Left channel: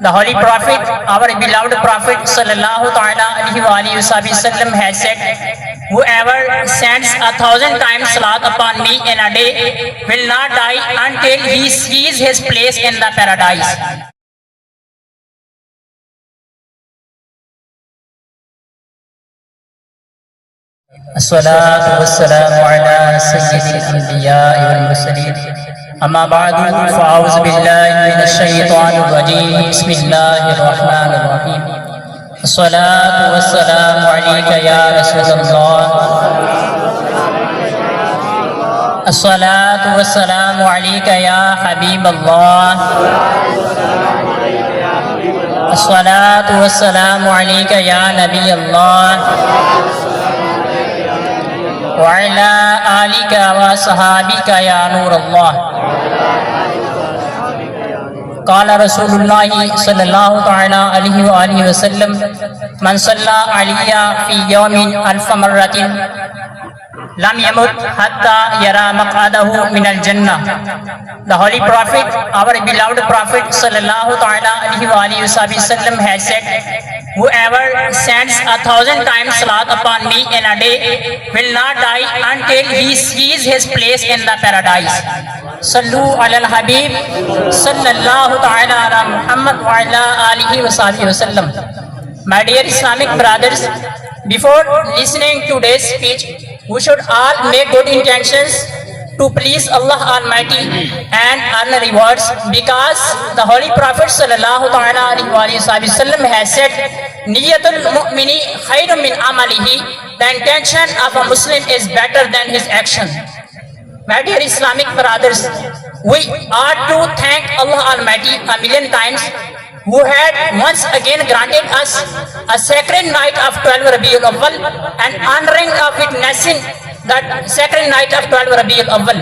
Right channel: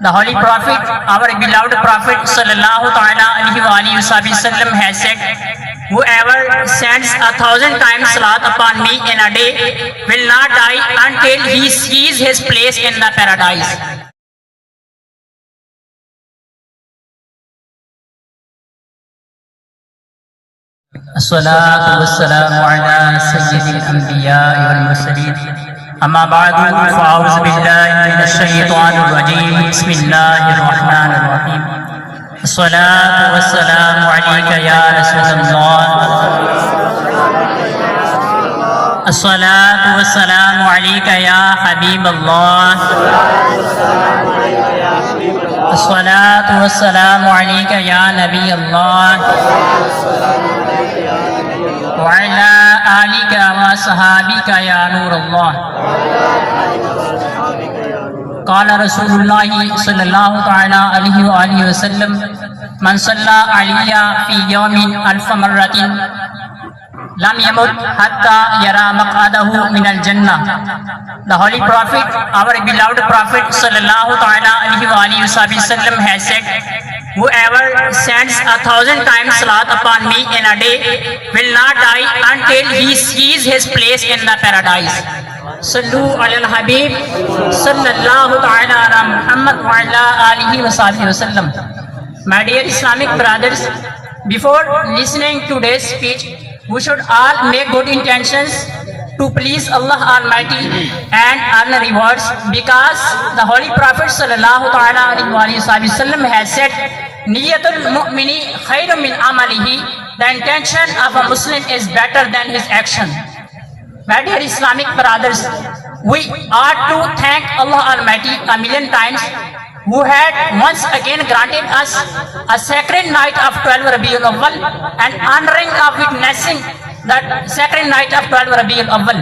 The Holy Prophet, our beloved Prophet sallallahu ta'ala alaihi wasallam has said, whoever sends 1,000 times salat upon me in a day will not die until he sees his place in the paradise. الصلاة والسلام على سيد الأنبياء والمرسلين أما بعد فأعوذ بالله من الشيطان الرجيم بسم الله الرحمن الرحيم الصلاة والسلام عليك يا رسول الله الصلاة والسلام عليك يا حبيب الله الصلاة والسلام عليك يا نبي الله وعلى آلك وصحابك يا نور الله. قال رسول الله صلى الله تعالى عليه وآله وسلم من صلى علي في يوم 1000 مرة لم يمت حتى يرى مقعده من الجنة. The Holy Prophet, our beloved Prophet sallallahu ta'ala alaihi wasallam has said, whoever sends 1,000 times salat upon me in a day will not die until he sees his place in the paradise. Sallu ala al-Habib sallallahu ta'ala ala Muhammad wa ala alihi wa sallam. My dear Islamic brothers, before listening to today's speech, we should all make good intentions to please Allah Almighty and earn rewards, because the Holy Prophet sallallahu ta'ala alaihi wasallam has said, Niyatul mu'mini khairun min amalihi. The intention of a Muslim is better than his action. My dear Islamic brothers, we ought to thank Allah Almighty a million times, who had once again granted us a sacred night of 12 Rabiul Awwal and honoring of witnessing that sacred night of 12 Rabiul Awwal.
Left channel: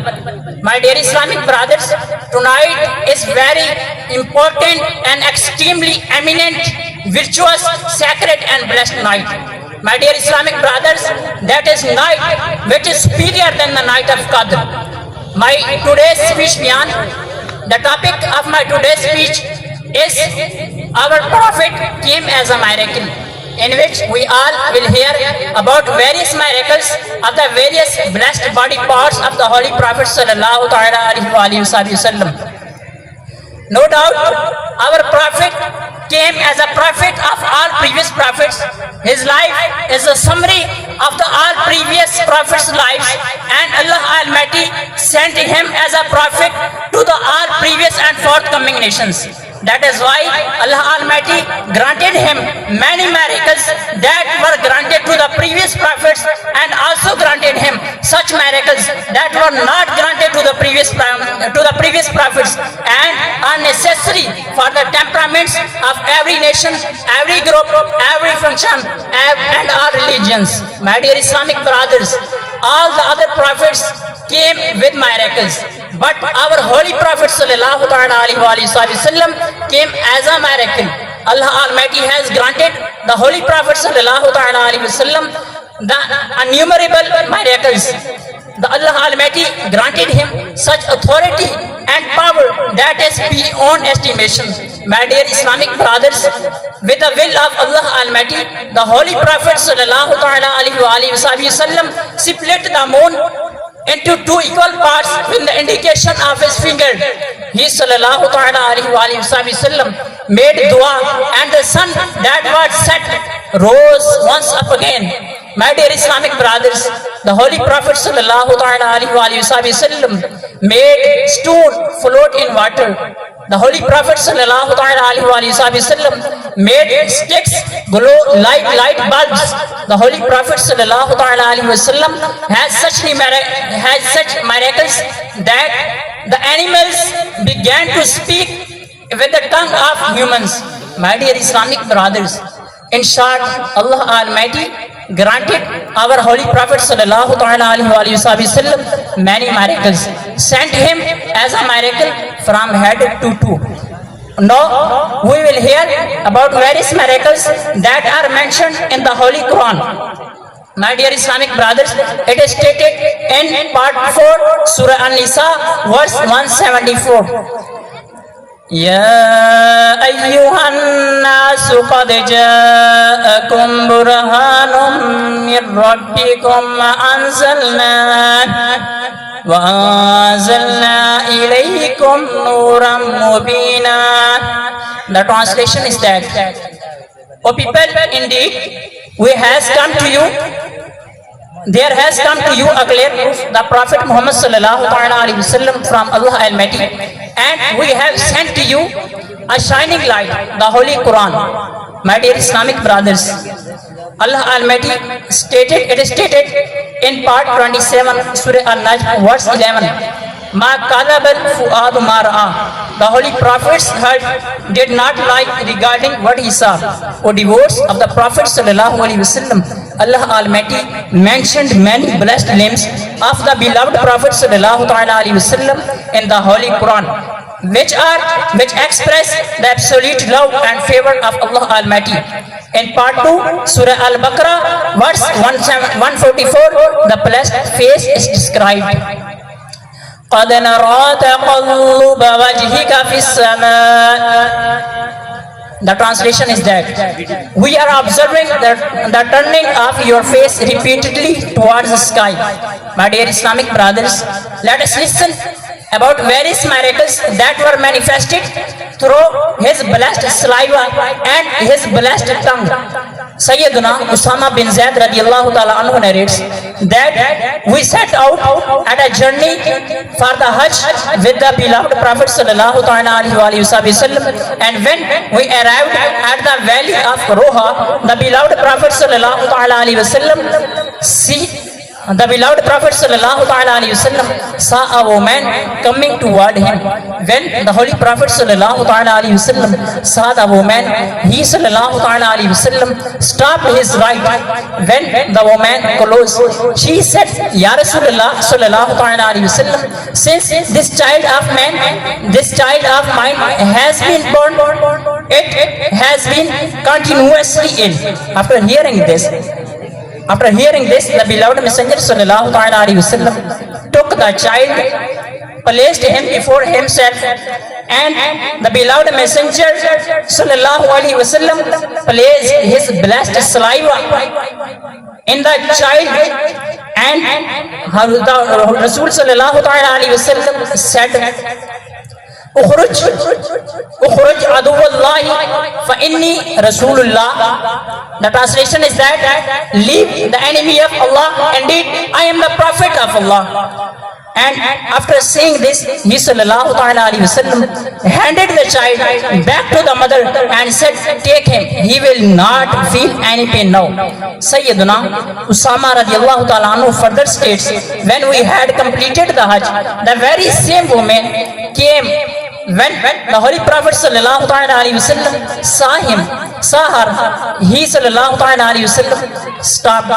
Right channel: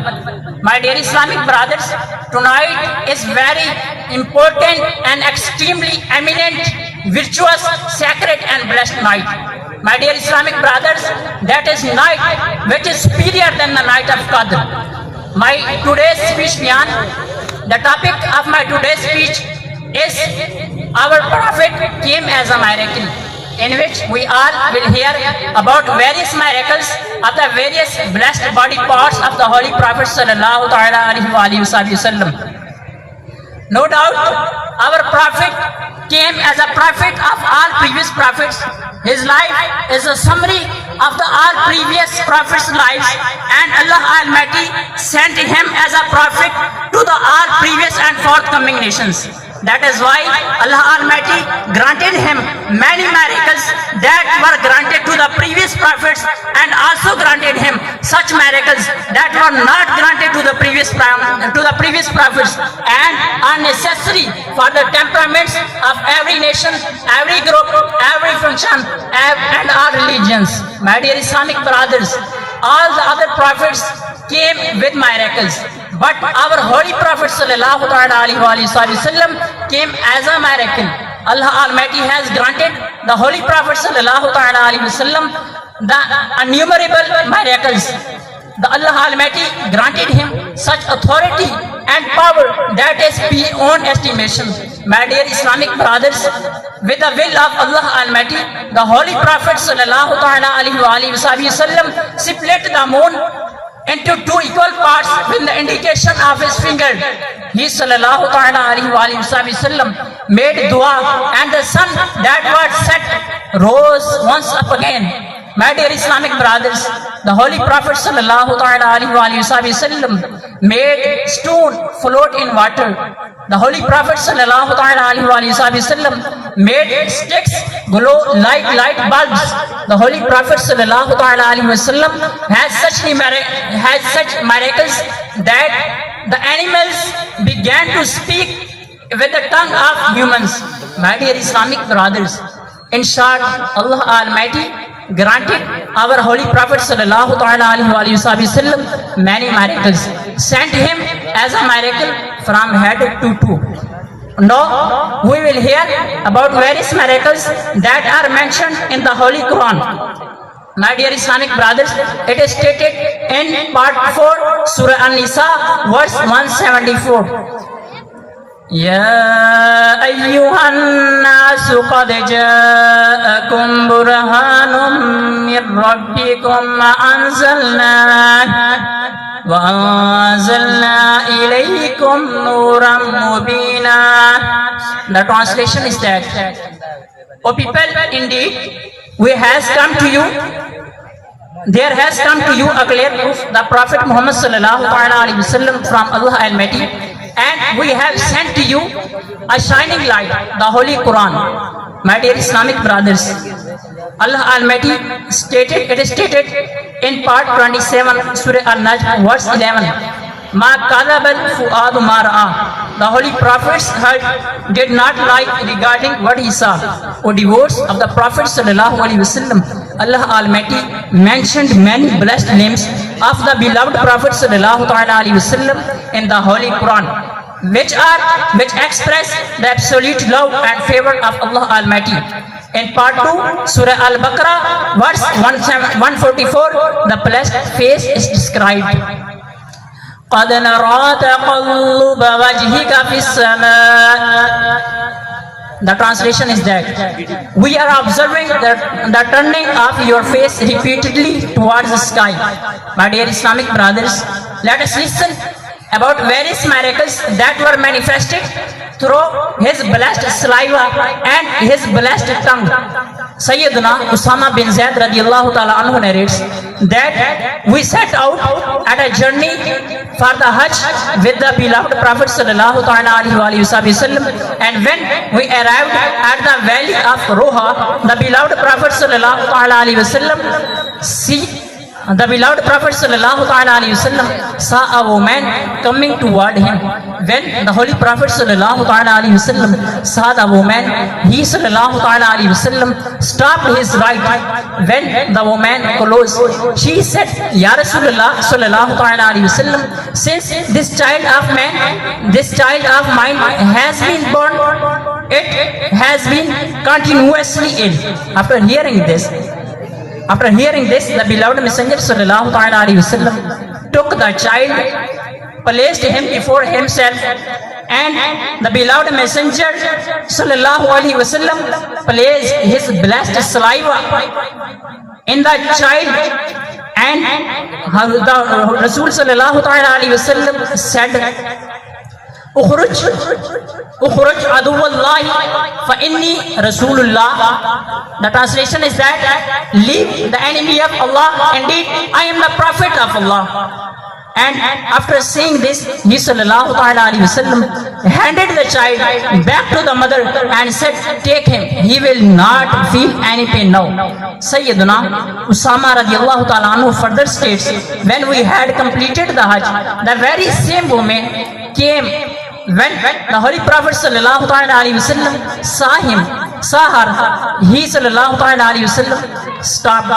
My dear Islamic brothers, tonight is very important and extremely eminent, virtuous, sacred and blessed night. My dear Islamic brothers, that is night which is superior than the night of Qadr. My today's speech, the topic of my today's speech is our Prophet came as a miracle, in which we all will hear about various miracles of the various blessed body parts of the Holy Prophet sallallahu ta'ala alaihi wasallam. No doubt, our Prophet came as a prophet of all previous prophets. His life is a summary of the all previous prophets' lives, and Allah Almighty sent him as a prophet to the all previous and forthcoming nations. That is why Allah Almighty granted him many miracles that were granted to the previous prophets, and also granted him such miracles that were not granted to the previous prophets, and are necessary for the temperaments of every nation, every group, every function, and all religions. My dear Islamic brothers, all the other prophets came with miracles, but our Holy Prophet sallallahu alaihi wasallam came as a miracle. Allah Almighty has granted the Holy Prophet sallallahu alaihi wasallam the innumerable miracles. The Allah Almighty granted him such authority and power that is beyond estimation. My dear Islamic brothers, with the will of Allah Almighty, the Holy Prophet sallallahu alaihi wasallam split the moon into two equal parts with the indication of his finger. He sallallahu alaihi wasallam made dua, and the sun that was set rose once up again. My dear Islamic brothers, the Holy Prophet sallallahu alaihi wasallam made stone float in water. The Holy Prophet sallallahu alaihi wasallam made sticks glow like light bulbs. The Holy Prophet sallallahu alaihi wasallam has such miracles that the animals began to speak with the tongue of humans. My dear Islamic brothers, in short, Allah Almighty granted our Holy Prophet sallallahu alaihi wasallam many miracles, sent him as a miracle from head to toe. Now we will hear about various miracles that are mentioned in the Holy Quran. My dear Islamic brothers, it is stated in part 4, Surah An-Nisa, verse 174. Ya أيها الناس قد جاءكم برهان من ربكم وأنزلنا إليكم نورا مبينا. The translation is that, O people, indeed, there has come to you a clear proof, the Prophet Muhammad sallallahu alaihi wasallam from Allah Almighty, and we have sent to you a shining light, the Holy Quran. My dear Islamic brothers, Allah Almighty it is stated in part 27, Surah An-Najm, verse 11, Ma kadabal fu'adu ma ra'a. The Holy Prophet's heart did not lie regarding what he saw. O devotees of the Prophet sallallahu alaihi wasallam, Allah Almighty mentioned many blessed names of the beloved Prophet sallallahu alaihi wasallam in the Holy Quran, which express the absolute love and favor of Allah Almighty. In part 2, Surah Al-Baqarah, verse 144, the blessed face is described. قَدْ نَرَى تَقَلُّبَ وَجْهِكَ فِي السَّمَاءِ. The translation is that, we are observing the turning of your face repeatedly towards the sky. My dear Islamic brothers, let us listen about various miracles that were manifested through his blessed saliva and his blessed tongue. Sayyiduna Usama bin Zaid radiallahu ta'ala anhu narrates that we set out at a journey for the Hajj with the beloved Prophet sallallahu ta'ala alaihi wasallam, and when we arrived at the valley of Roha, the beloved Prophet sallallahu ta'ala alaihi wasallam saw a woman coming toward him. When the Holy Prophet sallallahu ta'ala alaihi wasallam saw the woman, he sallallahu ta'ala alaihi wasallam stopped his right. When the woman closed, she said, Ya Rasulullah sallallahu ta'ala alaihi wasallam, since this child of mine has been born, it has been continuously ill. After hearing this, the beloved Messenger sallallahu ta'ala alaihi wasallam took the child, placed him before himself, and the beloved Messenger sallallahu alaihi wasallam placed his blessed saliva in the child, and the Rasul sallallahu ta'ala alaihi wasallam said, Ukhruj aduwallahi fa inni Rasulullah. The translation is that, leave the enemy of Allah, indeed I am the prophet of Allah. And after saying this, he sallallahu ta'ala alaihi wasallam handed the child back to the mother and said, take him, he will not feel any pain now. Sayyiduna Usama radiallahu ta'ala anhu further states, when we had completed the Hajj, the very same woman came. When the Holy Prophet sallallahu ta'ala alaihi wasallam saw her, he sallallahu ta'ala alaihi wasallam stopped.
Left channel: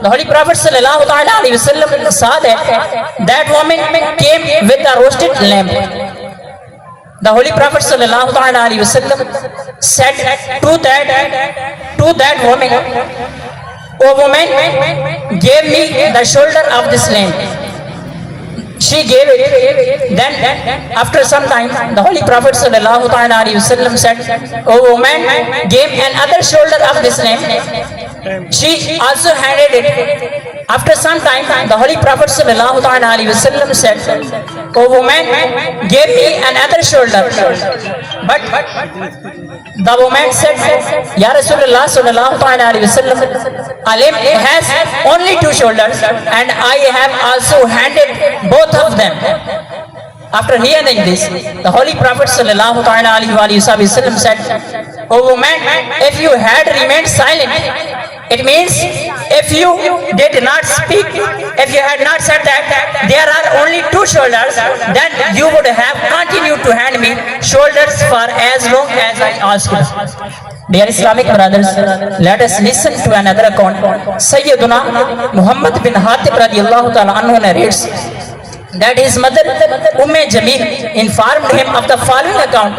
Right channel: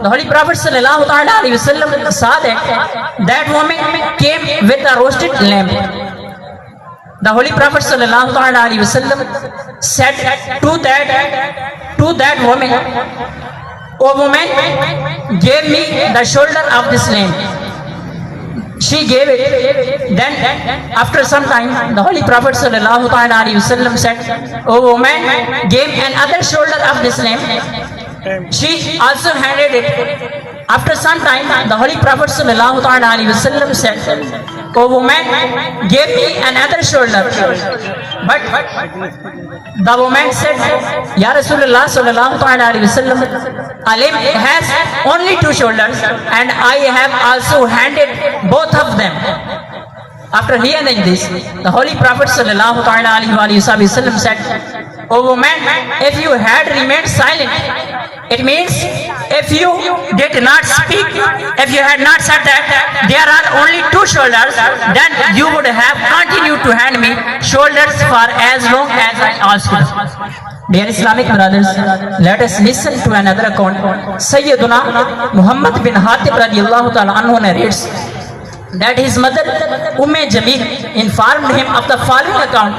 The Holy Prophet sallallahu ta'ala alaihi wasallam saw that woman came with a roasted lamb. The Holy Prophet sallallahu ta'ala alaihi wasallam said to that woman, O woman, give me the shoulder of this lamb. She gave it. Then after some time, the Holy Prophet sallallahu ta'ala alaihi wasallam said, O woman, give another shoulder of this lamb. She also handed it. After some time, the Holy Prophet sallallahu ta'ala alaihi wasallam said, O woman, give me another shoulder. But the woman said, Ya Rasulullah sallallahu ta'ala alaihi wasallam, a lamb has only two shoulders, and I have also handed both of them. After hearing this, the Holy Prophet sallallahu ta'ala alaihi wasallam said, O woman, if you had remained silent, it means if you did not speak, if you had not said that there are only two shoulders, then you would have continued to hand me shoulders for as long as I asked you. Dear Islamic brothers, let us listen to another account. Sayyiduna Muhammad bin Hatib radiallahu ta'ala anhu narrates that his mother Jamil informed him of the following account.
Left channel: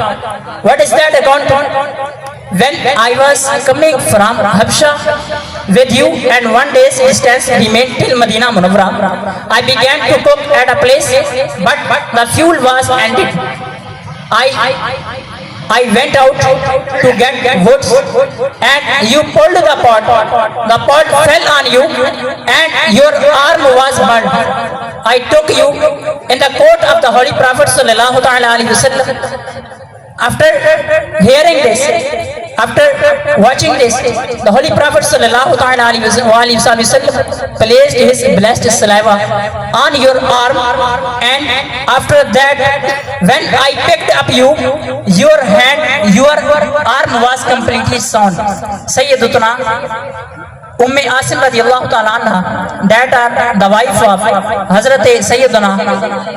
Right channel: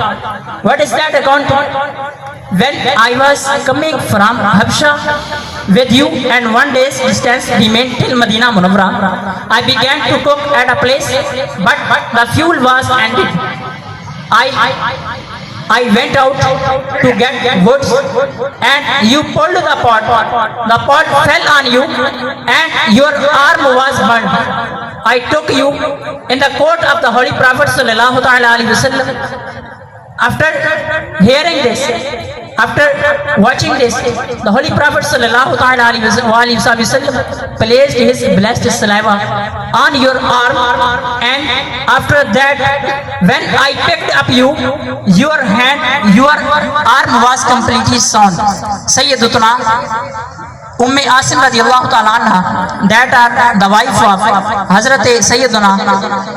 What is that account? When I was coming from Habsha with you and one day's distance remained till Medina Munawwara, I began to cook at a place, but the fuel was ended. I went out to get wood and you pulled the pot. The pot fell on you and your arm was burned. I took you in the court of the Holy Prophet sallallahu alaihi wasallam. After hearing this, after watching this, the Holy Prophet sallallahu alaihi wasallam placed his blessed saliva on your arm, and after that, when I picked up you, your arm was completely sound. Sayyidatuna Umm Asim radiallahu ta'ala anha, that are the wife of Hazrat Sayyidina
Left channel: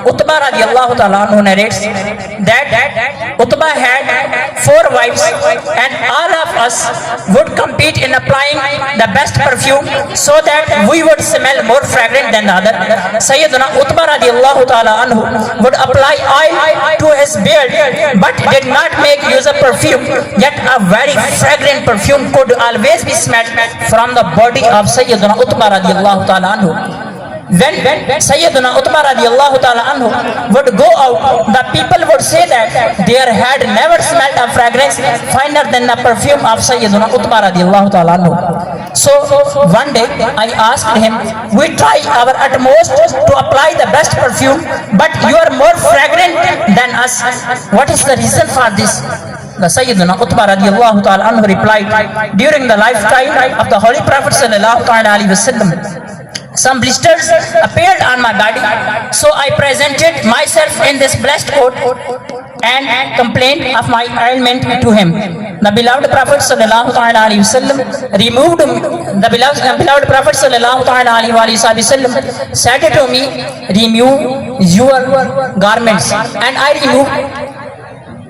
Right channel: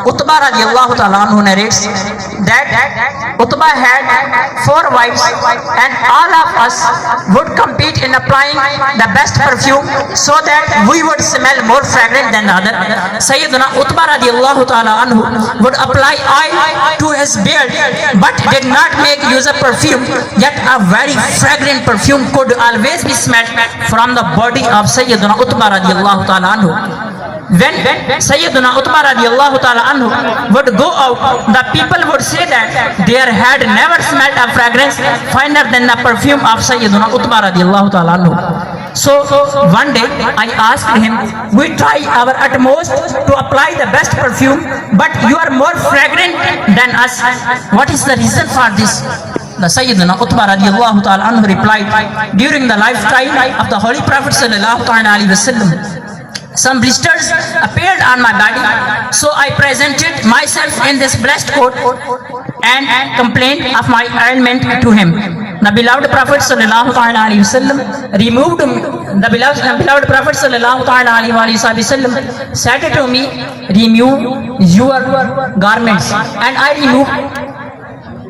Utbah radiallahu ta'ala anhu, narrates that Utbah had 4 wives and all of us would compete in applying the best perfume so that we would smell more fragrant than the other. Sayyidina Utbah radiallahu ta'ala anhu would apply oil to his beard but did not make use of perfume, yet a very fragrant perfume could always be smelled from the body of Sayyidina Utbah radiallahu ta'ala anhu. When Sayyidina Utbah radiallahu ta'ala anhu would go out, the people would say that there had never smelled a fragrance finer than the perfume of Sayyidina Utbah radiallahu ta'ala anhu. So one day I asked him, we try our utmost to apply the best perfume, but you are more fragrant than us. What is the reason for this? The Sayyidina Utbah radiallahu ta'ala anhu replied, during the lifetime of the Holy Prophet sallallahu alaihi wasallam, some blisters appeared on my body, so I presented myself in this blessed coat and complained of my ailment to him. The beloved Prophet sallallahu alaihi wasallam removed the beloved Prophet sallallahu alaihi wasallam said to me, remove your garments, and I removed.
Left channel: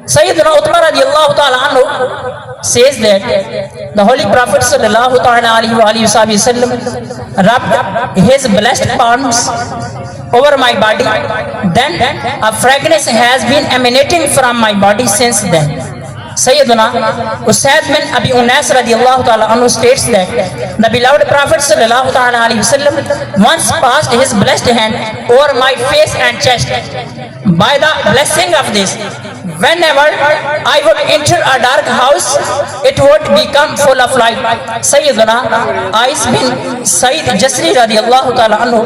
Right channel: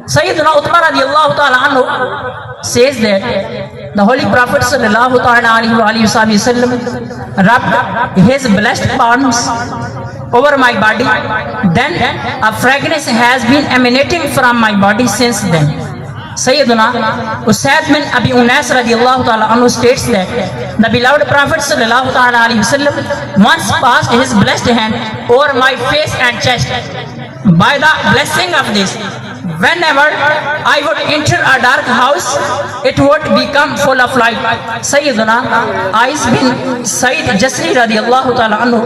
Sayyidina Utbah radiallahu ta'ala anhu says that the Holy Prophet sallallahu alaihi wasallam rubbed his blessed palms over my body. Then a fragrance has been emanating from my body since then. Sayyidina Usaid bin Abi Unas radiallahu ta'ala anhu states that the beloved Prophet sallallahu alaihi wasallam once passed his blessed hand over my face and chest. By the blessing of this, whenever I would enter a dark house, it would become full of light. Sayyidina Ais bin Said Jasri radiallahu ta'ala anhu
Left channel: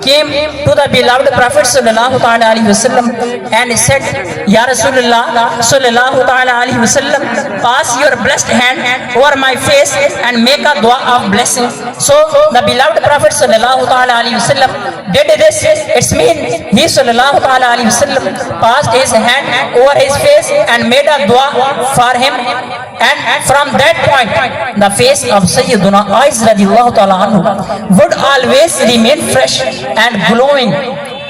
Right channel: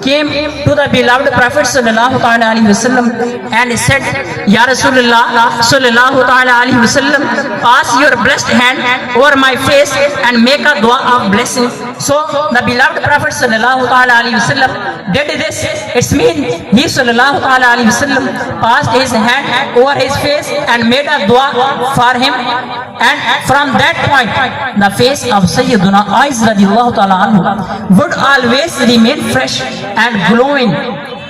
came to the beloved Prophet sallallahu alaihi wasallam and said, Ya Rasulullah sallallahu alaihi wasallam, pass your blessed hand over my face and make a dua of blessing. So the beloved Prophet sallallahu alaihi wasallam did this. It's mean he sallallahu alaihi wasallam passed his hand over his face and made a dua for him, and from that point the face of Sayyiduna Ais radiallahu ta'ala anhu would always remain fresh and glowing.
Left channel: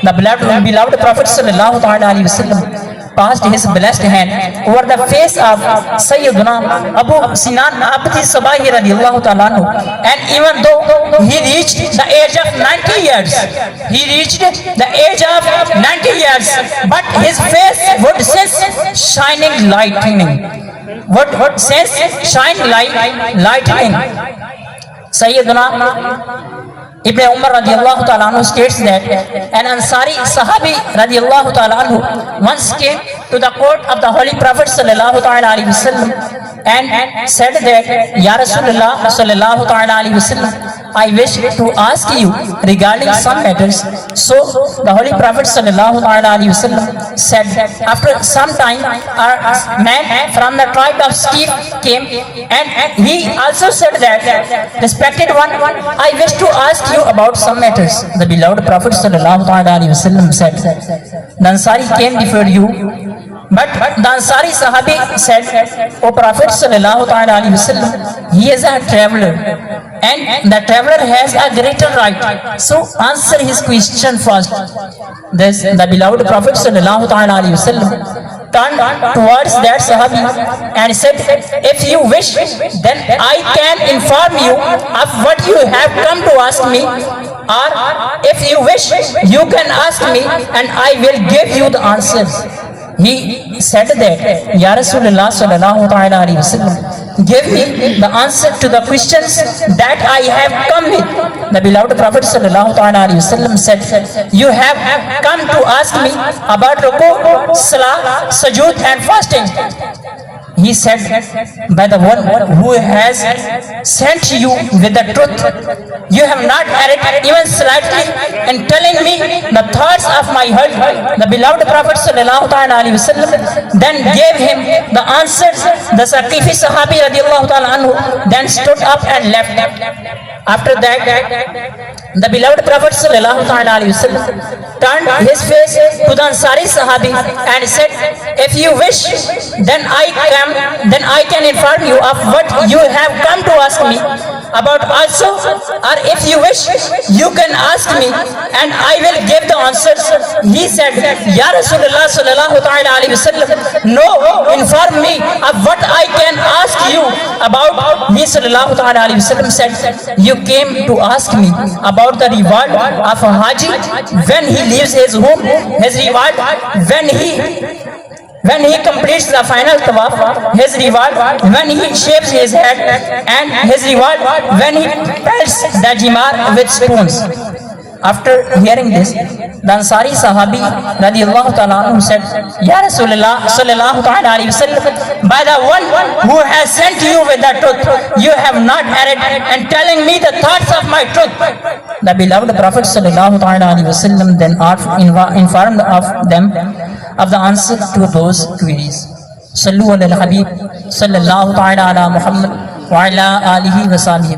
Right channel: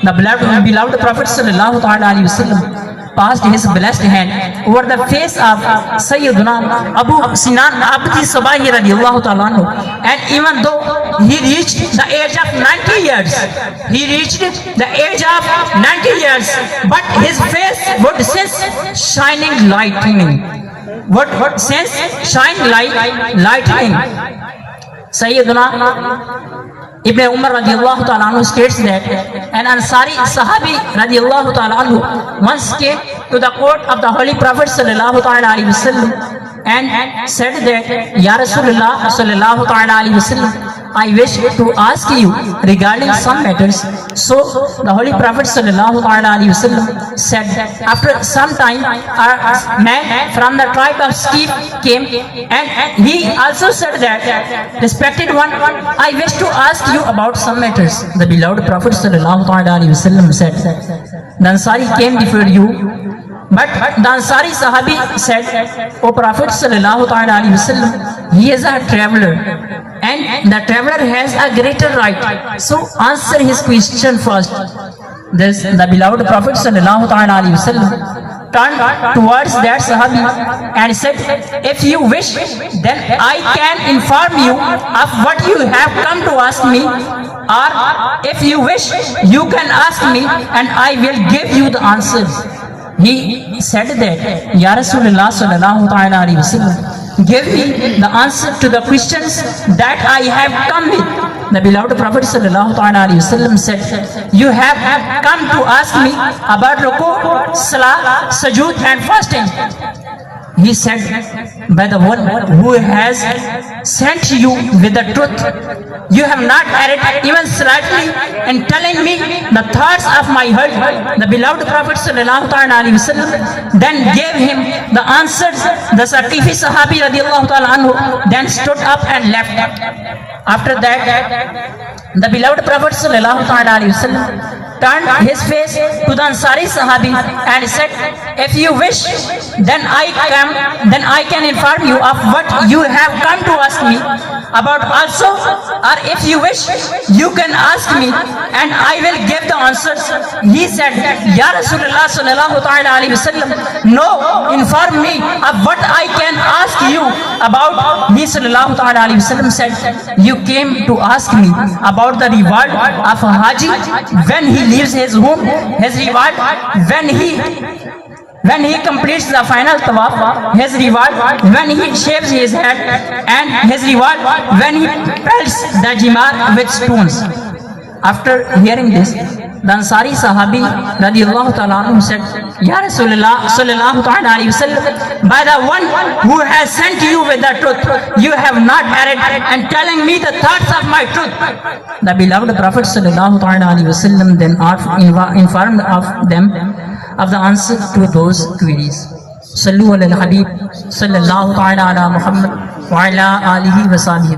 The beloved Prophet sallallahu alaihi wasallam passed his blessed hand over the face of Sayyiduna Abu Sinan Abdi Sabahi radiallahu ta'ala anhu, and even though he reached the age of 90 years, but his face would sense shining lightning. What says shine lightning? Sayyiduna Ibn Umar radiallahu ta'ala anhu states that an Ansari Sahabi radiallahu ta'ala anhu once came to the court of the Holy Prophet sallallahu alaihi wasallam and said that, Ya Rasulullah sallallahu alaihi wasallam, I wish to ask you regarding some matters. So the Holy Prophet sallallahu alaihi wasallam said, after some time a man from the tribe of Skif came, and he also said that, respected one, I wish to ask you about some matters. The beloved Prophet sallallahu alaihi wasallam said, the Ansari came before you, but the Ansari Sahabi said, O Prophet sallallahu alaihi wasallam, he is a traveler, and the traveler has a greater right, so answer his question first. This the beloved Prophet sallallahu alaihi wasallam turned towards that Sahabi and said, if you wish, then I can inform you of what you have come to ask me, or if you wish, you can ask me and I will give you the answers. He said that, Ya Rasulullah sallallahu alaihi wasallam, give me the answer to the questions that I have come with. The beloved Prophet sallallahu alaihi wasallam said, you have come to ask me about ruku, salah, sujood and fasting. He said, by the one who has sent you with the truth, you have not erred even slightly in telling me the thoughts of my heart. The beloved Prophet ﷺ then gave him the answers. The Satifi Sahabi radiallahu ta'ala anhu then stood up and left. After that, the beloved Prophet ﷺ turned his face to the Ansari Sahabi and said, if you wish, then I can inform you of what you have come to ask me about also, or if you wish, you can ask me and I will give the answers. He said, Ya Rasulullah sallallahu ta'ala alayhi wasallam, no, inform me of what I can ask you about. He sallallahu ta'ala alayhi wasallam said, you came to ask me about the reward of a Haji when he leaves his home, his reward when he completes the final tawaf, his reward when he shaves his head, and his reward when he pelts the jimar with stones. After hearing this, the Ansari Sahabi radiallahu ta'ala anhu said, Ya Rasulullah sallallahu ta'ala alayhi wa sallam, by the one who has sent you with the truth, you have not erred and telling me the thoughts of my truth. The beloved Prophet sallallahu ta'ala alayhi wa sallam then informed of them of the answer to those queries. Sallu ala al-Habib sallallahu ta'ala ala Muhammad wa ala alihi wa sahbihi.